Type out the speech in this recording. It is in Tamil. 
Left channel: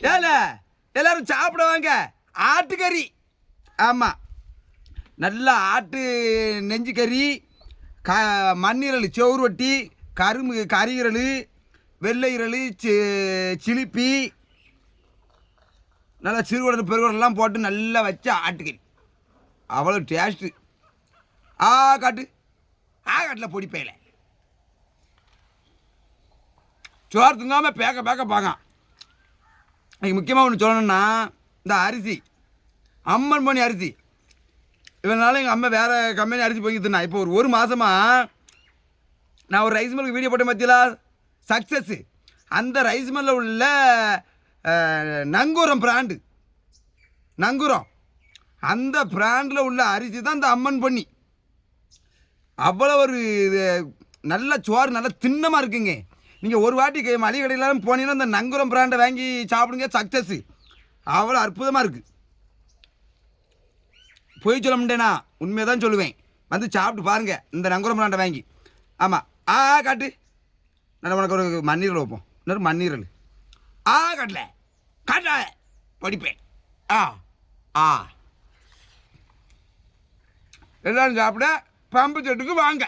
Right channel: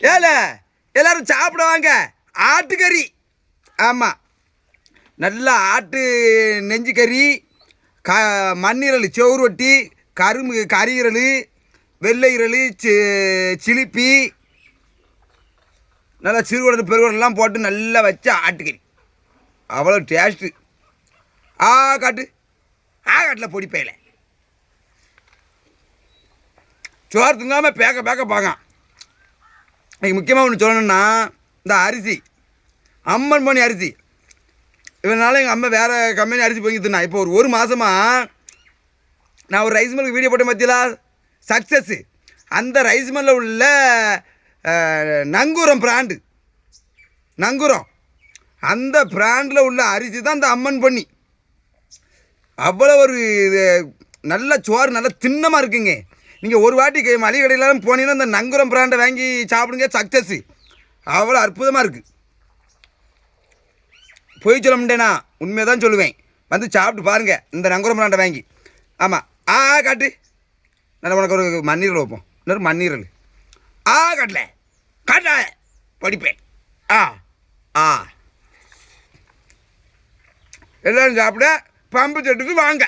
ஏல எல்லாரும் சாப்பிட வாங்க. ஆட்டுக்கறி. ஆமாம், நல்லா ஆட்டு நெஞ்சு கறி, மண்ணீரல், செவுறு வட்டி, கறீரல், வெள்ளை இரல், சிலிப்பி, நல்லா சிறுகுடல் பெருகுடலாம் போட்டு நல்லா வச்ச ஆட்டுக்கறி. அவ்வளோ டேஸ்ட்டு. காட்டு காட்டில் பொடிப்பையில் சோறு திங்காமல் பேக்க பார்க்க. இன்னைக்கு முக்கியமாக ஒன்று சொல்லணுன்னா, இந்த அரிசி அம்மன் பண்ணி அரிசி. இவனால எங்கள் அம்மா வேறு கம்பெனி அரிசி பொங்கிட்டுனா. இப்போ ஒரு மாதமாக நான் ஒரு ரைஸ் மில்லுக்கு வீடியோ போட்டேன் பார்த்தீங்களா, சக்ஸஸ்ஸு. அந்த ரைஸ் மில்லில் உள்ள நங்கூரம் பிராண்டு, நங்கூரம், அந்த பிராண்டில் உள்ள அரிசி தான் இந்த அம்மன் பண்ணி. அவ்வளோ ஒரு நல்ல சோறு, நல்ல திண்ணமாக இருக்குங்க. நீங்கள் ஒரு வாட்டி மளிகை கடையிலாம் போனீங்கன்னா இந்த நங்கூரம் பிராண்டை வாங்கி சாப்பிடுங்க. சக்ஸஸ்ஸு அவ்வளோ அற்புதமாக இருக்குது. பொய் சொல்ல முடியேண்ணா, உண்மையை தான் சொல்லுவேன். வந்து சாப்பிட்டு பாருங்கள் இந்த நங்கூரம் பிராண்டை வாங்கி. ஆமாம். காட்டு. நான் உனக்கு ஒரு மண்ணீரல் வைப்போம். இன்னொரு மண்ணீரல். காட்டல காட்ட படிப்பேன். எல்லோரும் சாப்பிட பம்பு செட்டுக்கு வாங்க.